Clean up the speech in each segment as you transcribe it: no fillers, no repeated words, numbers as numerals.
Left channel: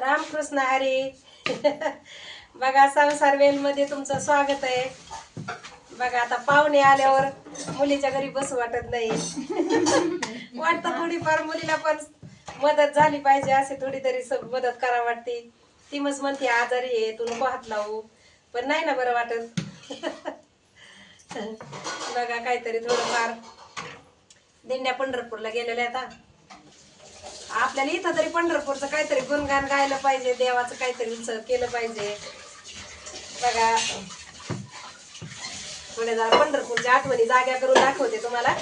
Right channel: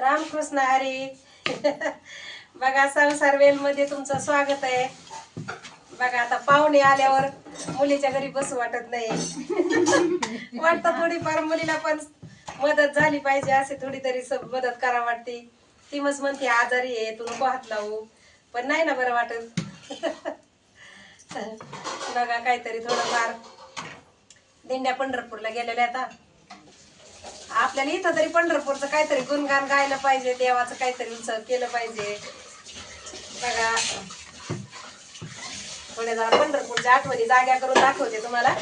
रामकृष्ण हरी. बघा संसार वेल मध्ये तुमचं स्वागत आहे. बघा आता पाहुणे आल्यावर मुलीच्या घरी बसू वाटत नाही. वाटतं थोडीफार मुलीला पण मदत झाली पाहिजे, असे थोडी तरी मदत करा वाटते. ती मग म्हणते आजारी आहे तू नको हात लावू, पण नाही ना बरं वाटत. बघा काहीतरी थोडंफार दिंड्या पंढरपूरला गेलेल्या आता. आपल्याला इथं तरी पंढरपूरचं काहीतरी गुणगान गायला पाहिजे, देवाचं काहीतरी उत्सव केलं पाहिजे. बघा थोड्या जरा पंढरपूरच्या आठवणी जाग्या करून दाखवते तुम्हाला.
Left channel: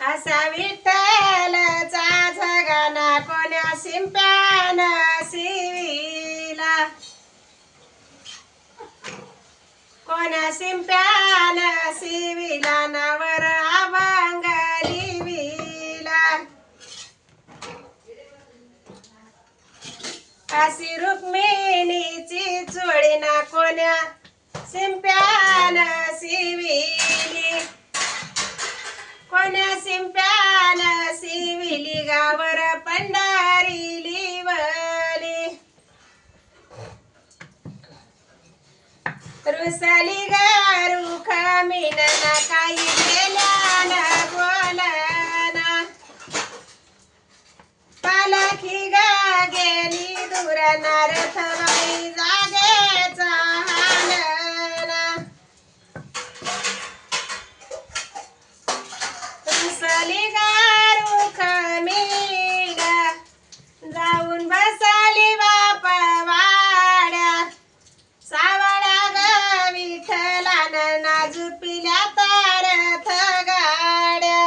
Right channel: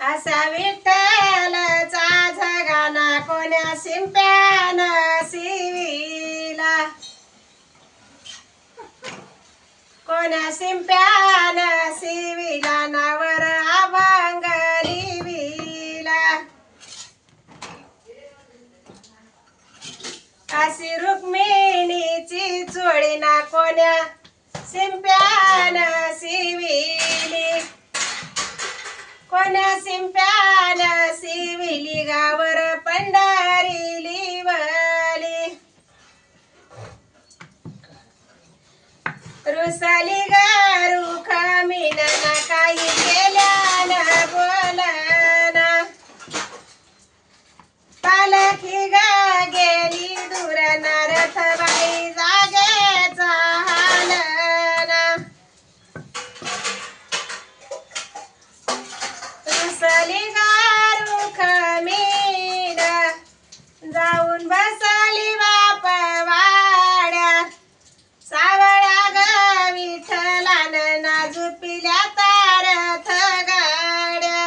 असा विठ्ठलचा जगाना कोण्या शिंप्यान शिविला, कोण्या शिंप्यान शिविला नावर अभंग लिविला. अशी रुक्मिणीची चोळी ना कोण्या शिंप्यान शिविली, कोण्या शिंप्यान शिविली गावर पंढरी लिवली. रुसली गारू खमीनना काही केल्यान बोलना, पालखी गा गेली दूर रथबाई जागेचा हालना. रुसली गारू खमीन जाऊन बसली बाप वाड्या, सावळ्या ग विठ्ठलान नाजुपिल्या तारथ गाड्या.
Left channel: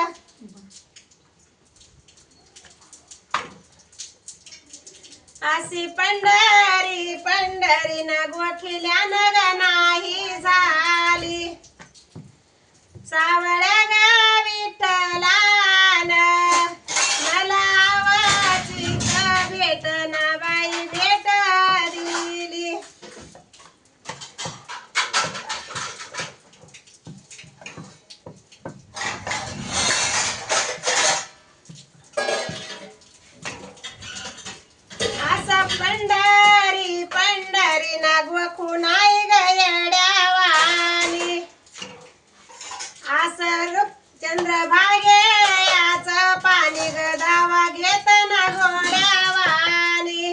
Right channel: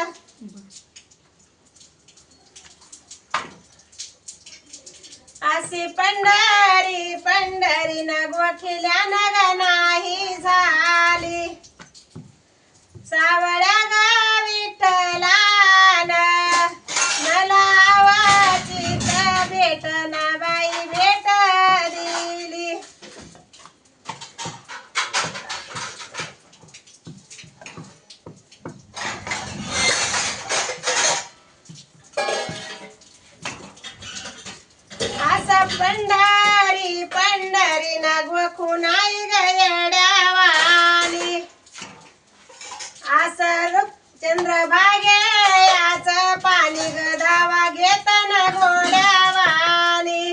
अशी पंढरी पंढरी न गोखिल्या नग नाही झाली, सावळ्या गा विठ्ठलान मला आवाची भेट ना बाई भेट दिली. असा पंढरी पंढरी न गोखुनाई गयड्यावानी, असं चंद्रभागे याच पाणी गदावा घेत ना घोड्यावानी.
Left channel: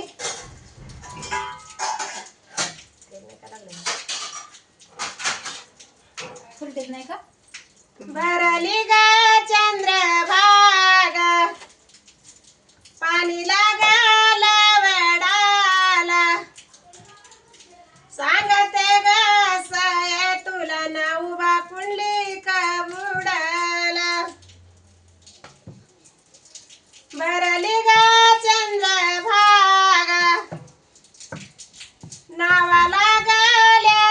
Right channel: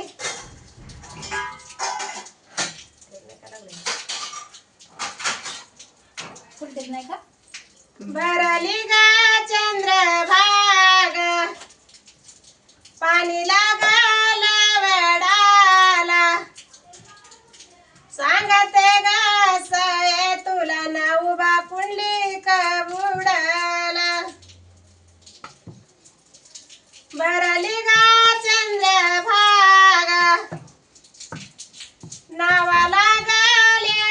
भरली गा चंद्रभाग पाणी लागाला वडाला, सांगते ग सये तुला ना उभा पुंडलिक बुडाला. भरली गा चंद्रभागा नावा लागल्या,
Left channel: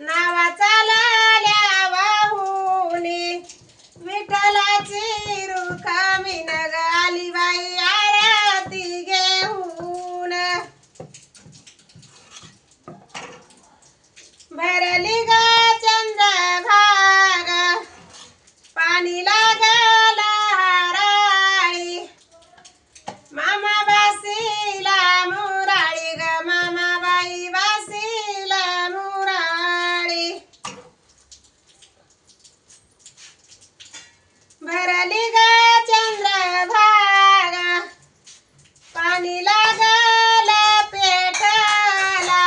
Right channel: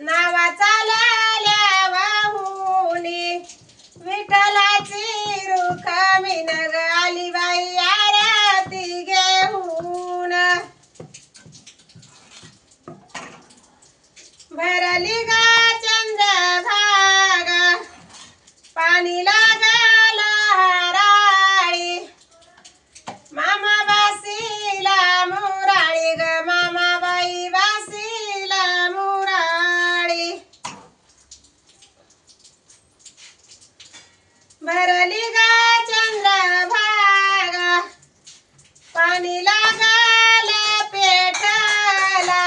नावा चालल्या वाहुनी, विठ्ठलाची रुखमी नग आली बाई आरती घेऊन. भरली गा चंद्रभागा पाणी लागला हराळी, मामा बासीला मुराळी ग मामाबाई बासीला मुराळी. भरली गा चंद्रभागा पाणी लागला पेठाला,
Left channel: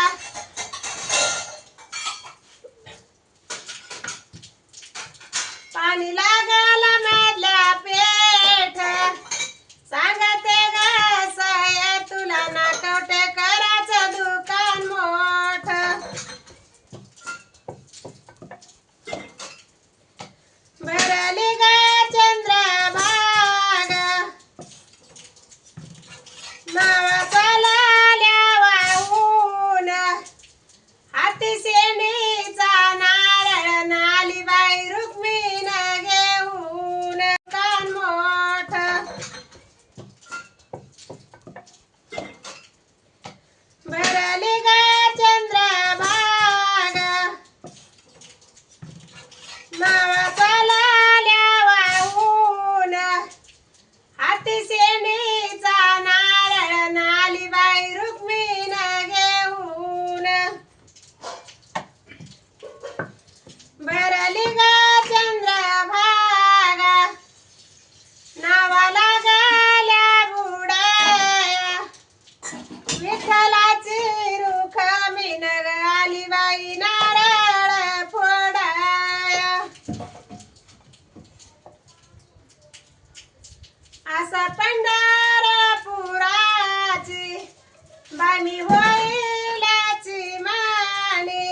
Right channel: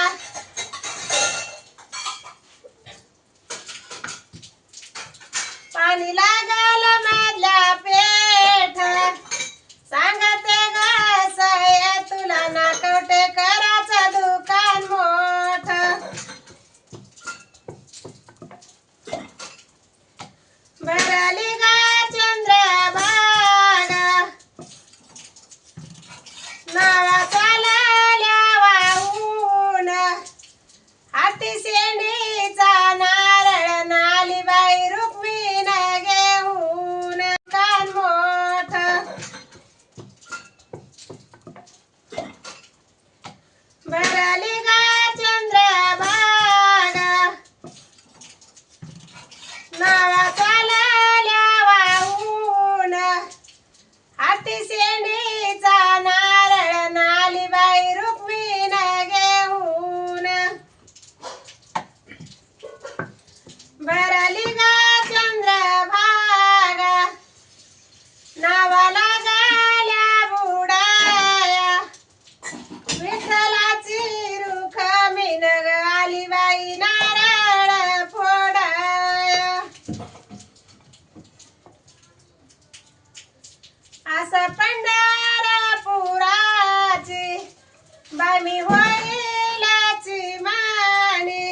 पाणी लागल मधल्या पेठ, सांगते ग सया तुला ना कवटे कराचं दुकान मोठ. भरली गा चंद्रभागा नावा चालल्या वाहून, हाती शेंडीचा नारळ नाली बाई रुक्मिण गे असं पंढरपुराची बाई मी होईलाची मानी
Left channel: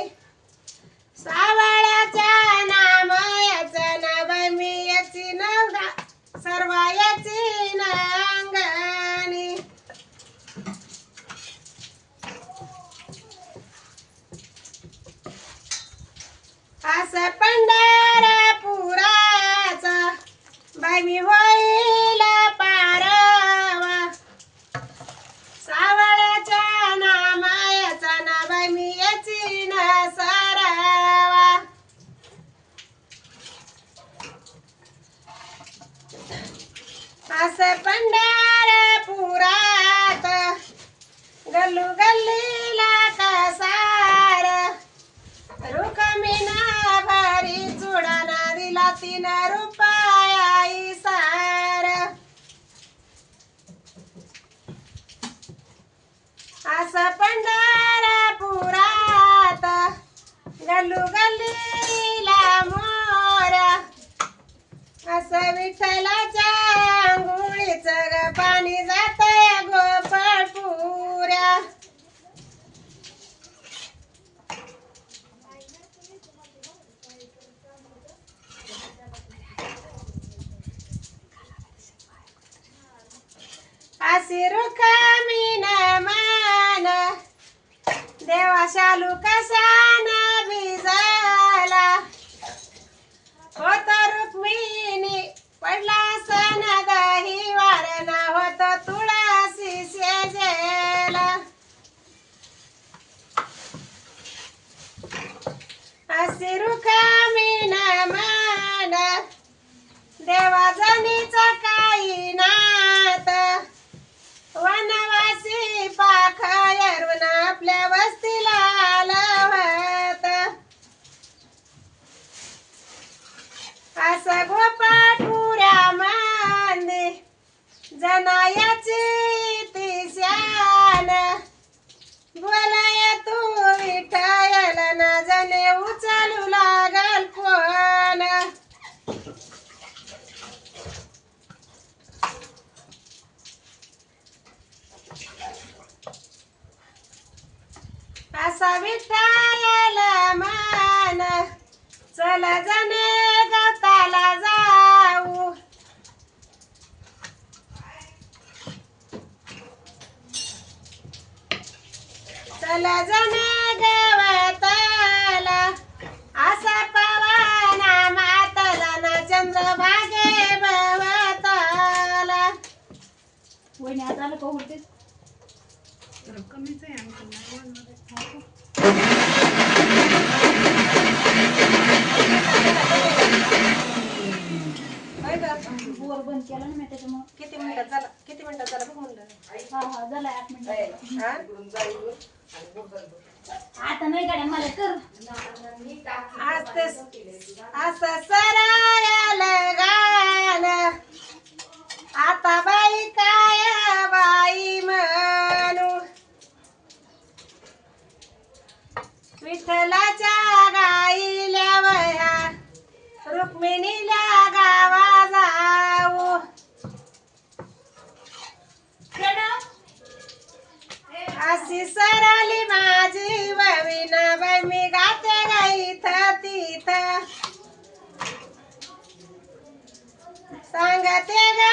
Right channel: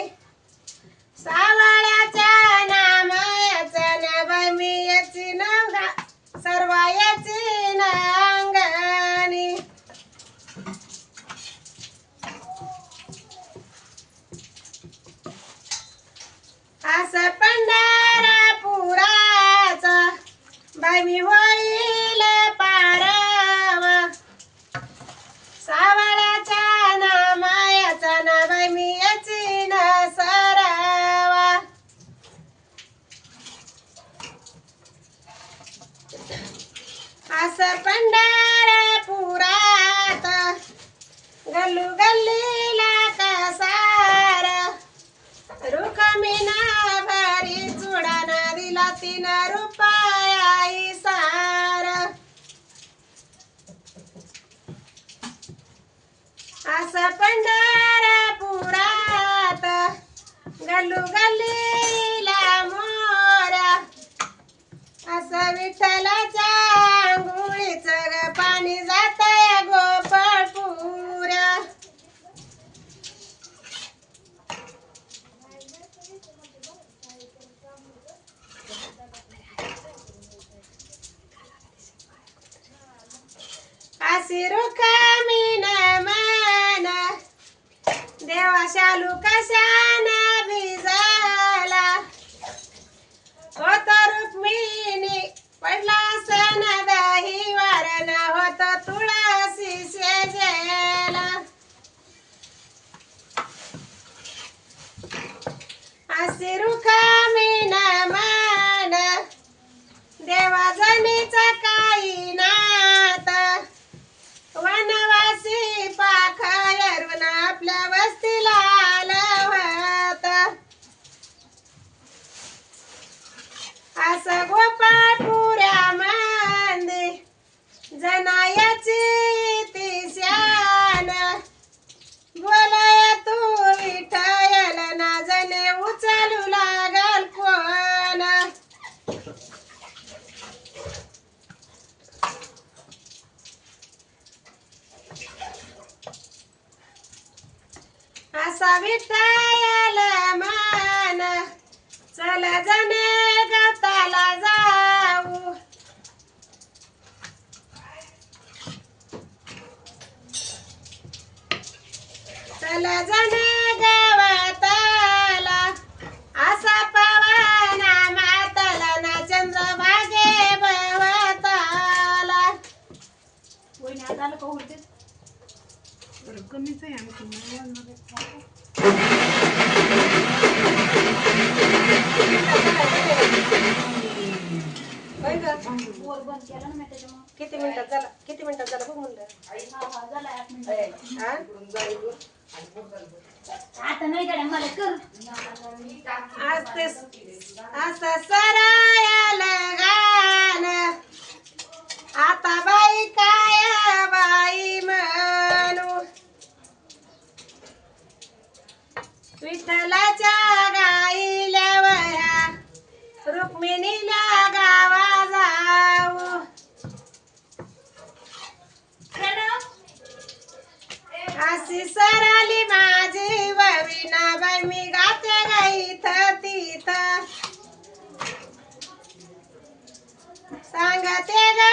सावळ्याच्या नामायाचं ना बाई मी याची नवरा सर्व याची नांगणी असं पंढरपुराचा बाई मी होईल पारवा सावळ्याच्या नामायाचा ना बाई मी याची न सरावा असं पंढरपुरात गल्लू गल्लीला कसार रुक्मिणा भारी चुडाना दिला 3 रुपया सार असं पंढरपुरात गल्लू गल्लीला मोरा असं विठ्ठलाच्या आंघोळीचं ग पाणी जातंय गोपाळपुऱ्या अशी रुक्मिण मान देवा शालू कशाना भिजला होत रुक्मिणी पडला सण दही वारणा होत तुळशी शेजेला अशी रुक्मिण मान देवा जनीच काही नात वनवासी पाखरून आपल्या वस्तीला आलं होत असं गोपाळपुऱ्या मंदी जनायाची ती शान बोलाय तू विठ्ठल ना जने उचलू लागल कोण असा विठ्ठल मान चल जने गवताला जाऊ चल जने गवताला असा पवना मातला ना चंद्रभागे भवताला वहिनी आज आलं का होते कमीच आहे वर बंद केला ना मी त्याच्यामुळे किती मिनिटात झाला बघ म्हणलं हा झाला 8 मिनिट हा? आता नाही गाड्या मला कर असं सरायला गाण आता बाई काय बाई म्हणू विठ्ठलाच्या गाईल्या वया रुक्मिणीला गावा जाऊ अशी सराली माझी बविना बाई मी गाते गा इथं तिथं सांगते गा